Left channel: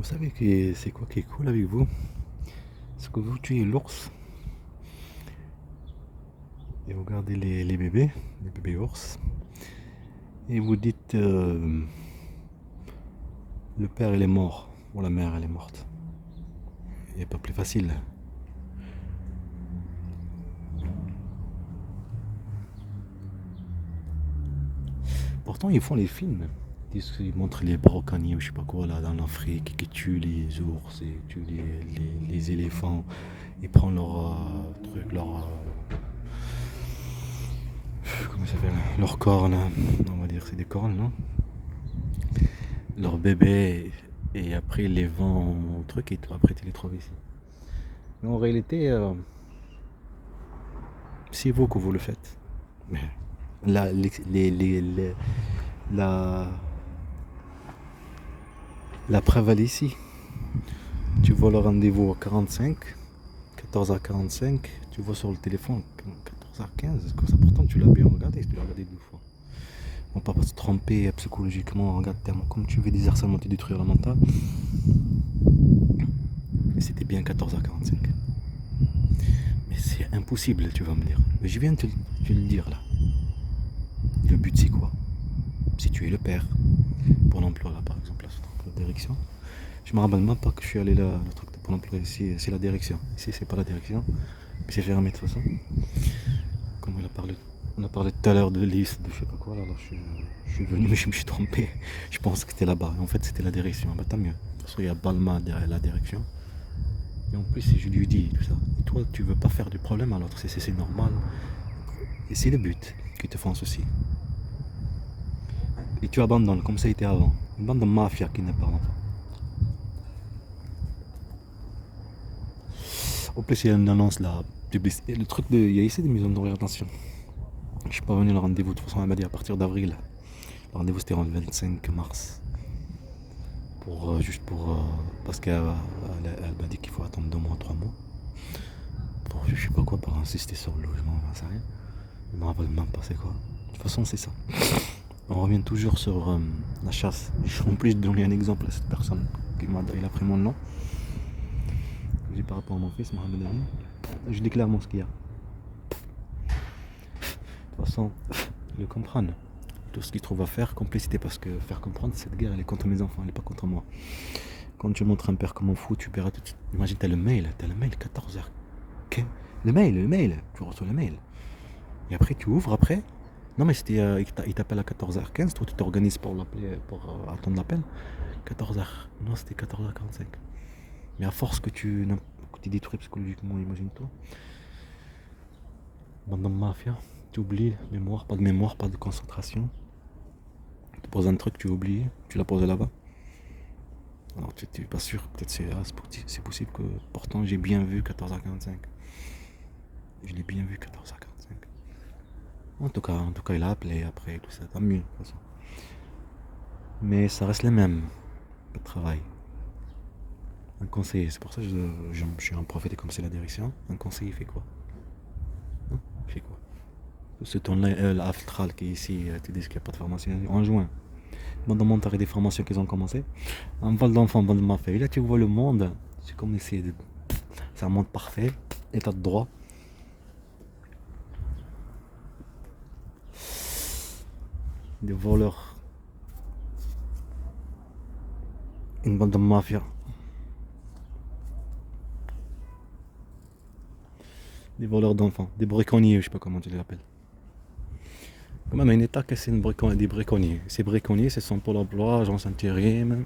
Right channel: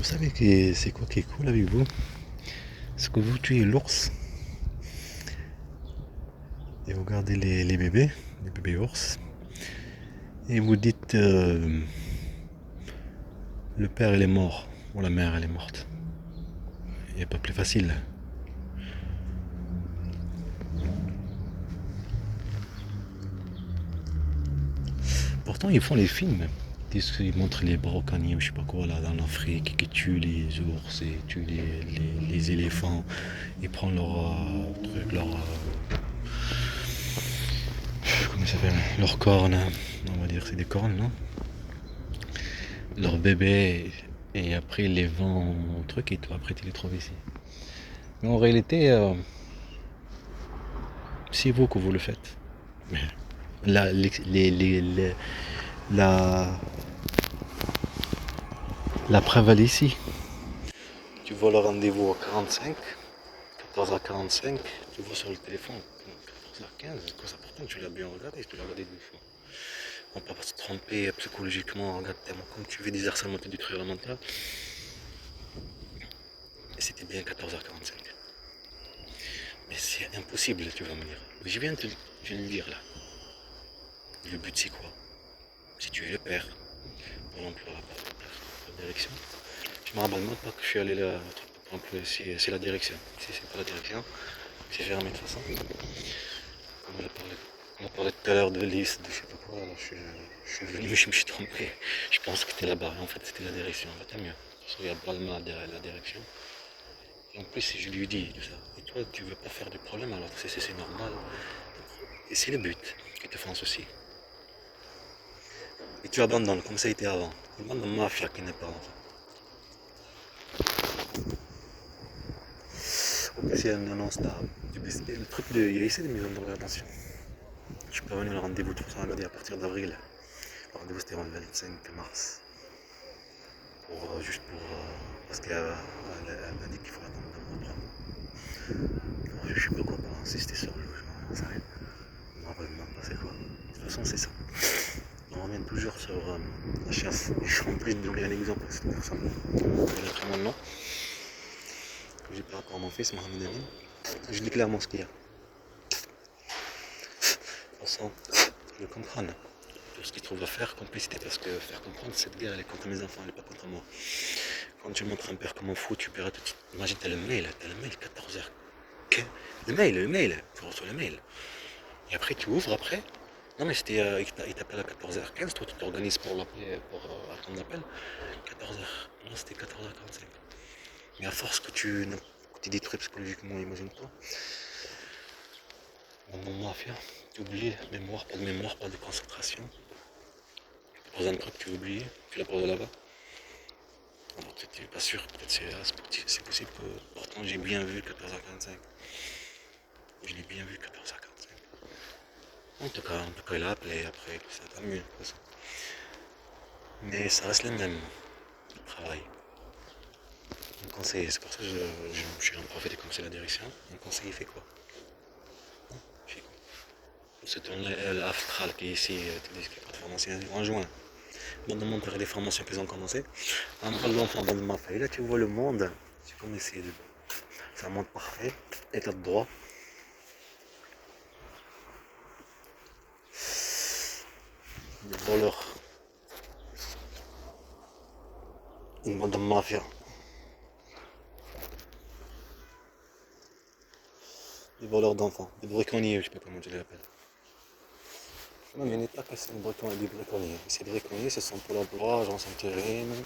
Vous savez que c'est quoi qui est cool avec vous? C'est que vous tuez l'ours et vous gardez les bébés ours, et vous dites le père il est mort ou la mère elle est morte. Il n'y a pas plus facile. Pourtant ils font les films. Ils montrent les brocaniers ou je sais pas quoi là dans l'Afrique qui tuent les ours et tuent les éléphants et prennent leur truc, comment ça s'appelle, leurs cornes, on va dire c'est des cornes, non? Leurs bébés, et après ils les vendent au truc et toi après tu les trouves ici. Mais en réalité, c'est vous que vous le faites. La, la, la preuve elle est ici. Tu vois le rendez-vous à 45, 14h45, tu vois sur le téléphone 14h15, quoi, c'est important, tu l'as bien regardé, tu l'as regardé 2 fois. On ne peut pas se tromper psychologiquement, regarde tellement comme tu veux des harcèlements te détruire la mentale. Et c'était bien 14h45. Mais c'est impossible, tu vas me dire. Mais je viens de te le dire là. Le but c'est quoi? Si tu es le père, pour l'emploi là-bas, la direction. Je me rappelle même pas que je suis allé là, le truc de Pôle emploi ici, c'est la direction. Si c'est pas la direction, c'est fermé de toute façon. Comme on a parlé tout à l'heure de liste, de je sais pas quoi, alors je suis venu, je me suis trompé. Je pense que c'était là-bas, et en fait c'était la direction. Bah tant mieux. Parce qu'il y a Balma derrière la direction. Et en plus je lui dis tout ça. Et toi tu veux pas faire de problème alors c'est normal. Et c'est le but qui te font ceci. Et tu abandonnes comme ça a été avant. Une bande de mafia qui n'est pas l'enfant. En plus, il y a une annonce là. Le truc, il y a ici des maisons de rétention. Je suis pas venu le rendez-vous, de toute façon, elle m'a dit à partir d'avril. Le rendez-vous c'était le 25 mars. Juste pour. Parce qu'elle m'a dit qu'il faut attendre 2 mois, 3 mois. Pour je sais pas quoi, pour insister sur le logement, ça arrive. Je me rappelle même pas c'est quoi. De toute façon, c'est ça. On revient toujours sur la chasse. En plus, de donner un exemple à cette personne qui m'a appris mon nom. J'ai par rapport à mon fils, Mohamed Amin. Je dis clairement ce qu'il y a. De toute façon, ils le comprennent. Tout ce qu'ils trouvent à faire, complicité, parce que faire comprendre, cette guerre, elle est contre mes enfants, elle n'est pas contre moi. Quand tu montres un père comme un fou, tu verras tout de suite. Imagine, t'as le mail, 14h. Le mail, tu reçois le mail. Et après, tu ouvres après. Non, mais c'était, il t'appelle à 14h15, toi tu t'organises pour l'appeler, pour attendre l'appel. 14h, non, c'était 14h45. Mais à force que tu détruis psychologiquement, imagine-toi. Dans la mafia, tu oublies mémoire, pas de concentration. Tu poses un truc, tu oublies, tu la poses là-bas. Alors tu n'es pas sûr, peut-être c'est possible que pourtant j'ai bien vu 14h45. Je l'ai bien vu 14h45. En tout cas, il a appelé après, tout ça, tant mieux de toute façon. Mais ça reste le même, le travail. Un conseiller, c'est pour ça que je suis un prophète comme c'est la direction. Un conseiller fait quoi? Il fait quoi? C'est ton l'Aftral qui est ici, tu dis qu'il n'y a pas de formation en juin. Dans le monde, tu as des formations qui ont commencé. Un bol d'enfant, bol de mafia. Et là, tu vois le monde, c'est comme ici. C'est un monde parfait, état de droit. Des voleurs. Une bande de mafia. Des voleurs d'enfants, des briconniers, je sais pas comment tu les appelles. Même un état que c'est des briconniers. Ces briconniers, ce sont pour l'emploi, agence intérim,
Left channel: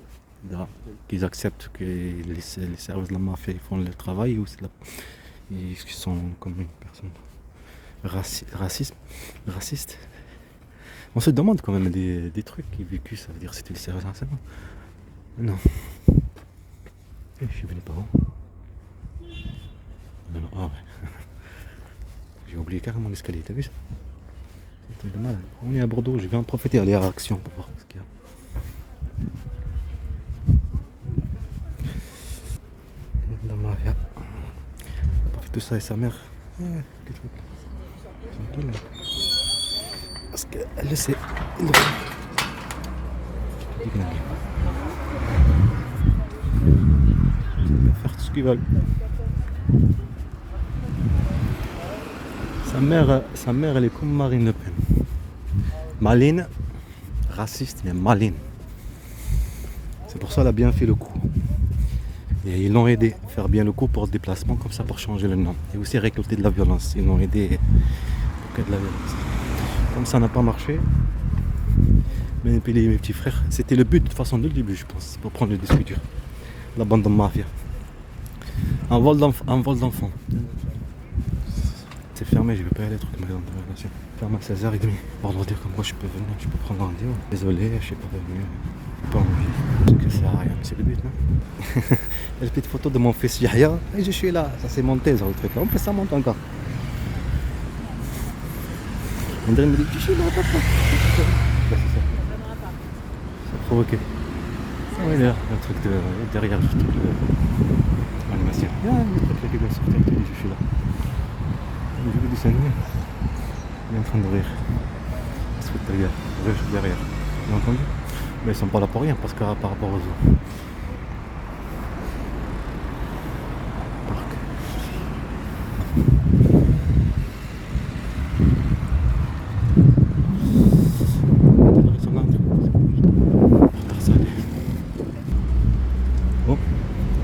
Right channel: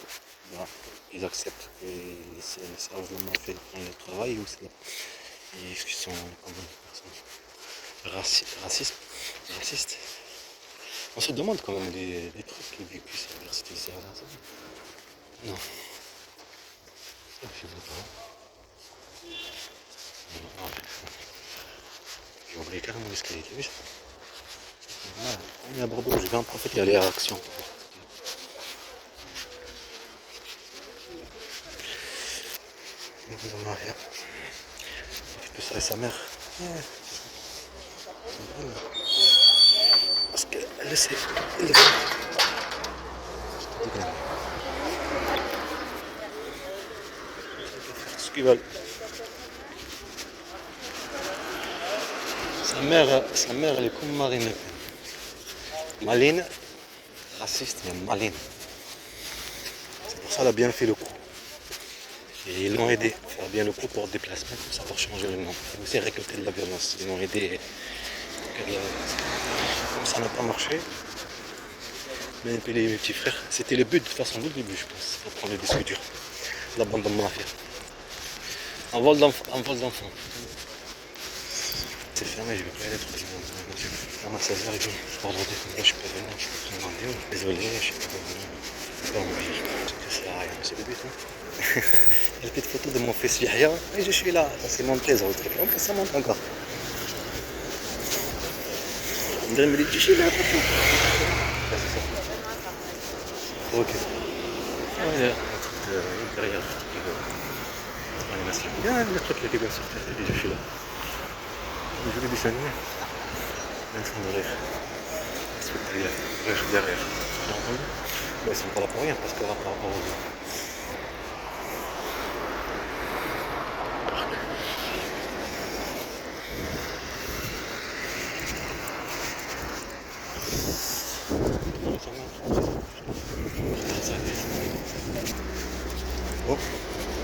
qu'ils acceptent que les services de la mafia font le travail, ou ils sont comme une personne raciste. On se demande quand même des trucs vécus, ça veut dire que c'était les services d'enseignement. Non. Je ne sais pas. Non. J'ai oublié carrément l'escalier, t'as vu? On est à Bordeaux, je vais en profiter, aller à Action. Tout ça et sa mère. Parce qu'elle le sait. qu'ils veulent. Sa mère, elle est comme Marine Le Pen. Maline, raciste, mais maline. C'est pour ça qu'elle a bien fait le coup. Et ils l'ont aidé à faire bien le coup pour le déplacement, comme ça pour changer le nom. Et aussi récolter de la violence. Ils l'ont aidé pour qu'il y ait de la violence. Comme ça n'a pas marché, manipuler mes petits frères. C'était le but de toute façon dès le début, je pense, pour prendre le disque dur. La bande de mafia. Un vol d'enfant. C'est fermé, je vais pas aller trop dans la voiture. Ferme à 16h30. Je pars l'ordi comme moi, je peux venir, je peux prendre un rendez-vous. Désolé, je sais pas revenir. Je peux pas revenir. Ça sert à rien, c'est le but. Hein. Il y a quelques photos de mon fils Yahya. Et je suis là. Ça c'est monté, ça retraite. En plus, ça monte encore. On dirait me dit, je suis là, papa. Là, c'est ça. C'est provoqué. Il y a un truc derrière, le truc de l'animation. Il y a le truc qui est comme ça. Je suis là. Je vais descendre. Il est en train de rire. Spectaculaire. Rire derrière. Tu as entendu? Mais ils sont pas là pour rien parce que par rapport aux autres. Bon,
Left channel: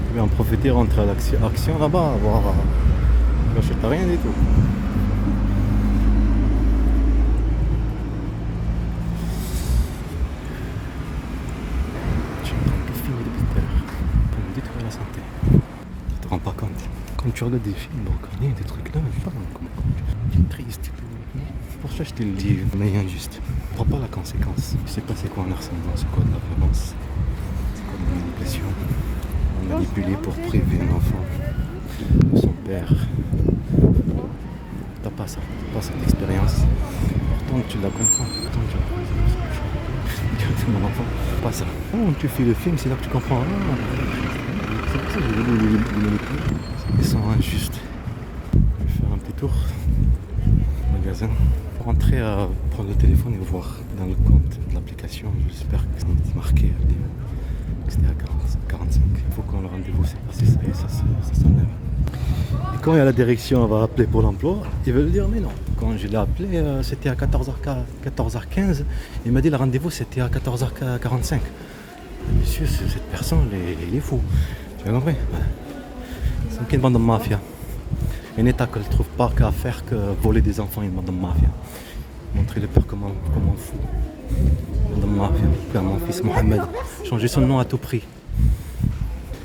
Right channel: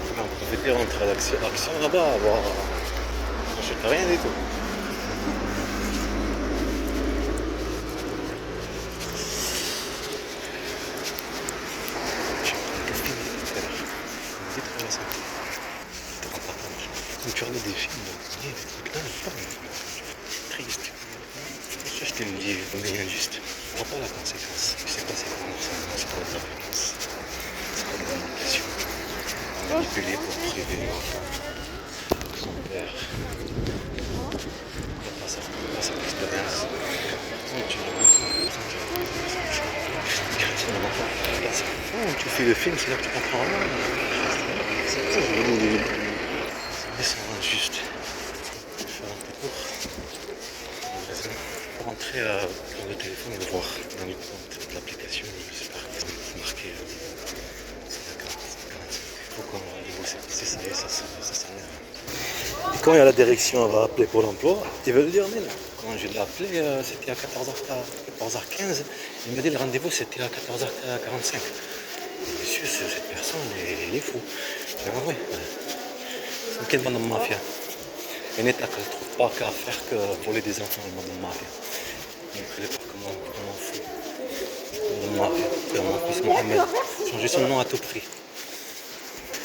je vais en profiter, rentrer à l'action là-bas, voir. Je sais rien du tout. Tu te rends pas compte. Quand tu regardes des films, donc, il y a des trucs là, c'est triste. C'est pour ça que je te le dis, on est injuste. On voit pas la conséquence. Je sais pas c'est quoi un harcèlement, c'est quoi de la violence, c'est quoi de la manipulation. On est manipulé pour priver l'enfant de son père. T'as pas ça, pas cette expérience. Oh, tu l'as compris. Pas ça. Oh, tu fais le film, c'est là que tu comprends. C'est pour ça que je veux dire les manipuler. Ils sont injustes. Je vais faire un petit tour au magasin. Pour rentrer à prendre le téléphone et voir dans le compte de l'application. J'espère qu'ils ont marqué. C'est à 45. Il faut qu'on rendez-vous, c'est ça et ça s'enlève. Et quand il y a la direction, elle va appeler pour l'emploi, ils veulent dire mais non. Quand je l'ai appelé, c'était à 14h15. Il m'a dit le rendez-vous c'était à 14h45. Monsieur, cette personne, il est fou. C'est vrai. C'est quelle bande de mafia? Un état qu'elle ne trouve pas qu'à faire que voler des enfants, une bande de mafia. Montrer les peurs comment fou. Bande de mafia. Faire mon fils Mohamed. Changer son nom à tout prix.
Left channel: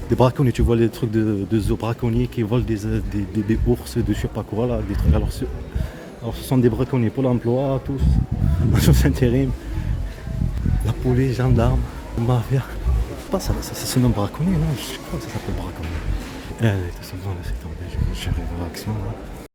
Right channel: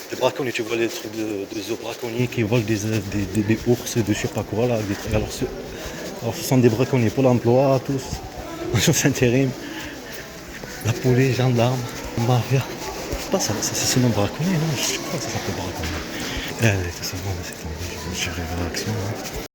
Des braconniers, tu vois les trucs de zoo braconniers qui volent des ours, de je sais pas quoi là. Des trucs. Alors ce sont des braconniers pour l'emploi, tous. Agence intérim. La police, gendarme, mafia. Pas ça, c'est ce nom braconnier, non? Je crois que ça s'appelle braconnier. Tout simplement, c'est tombé. Je rêve à l'action.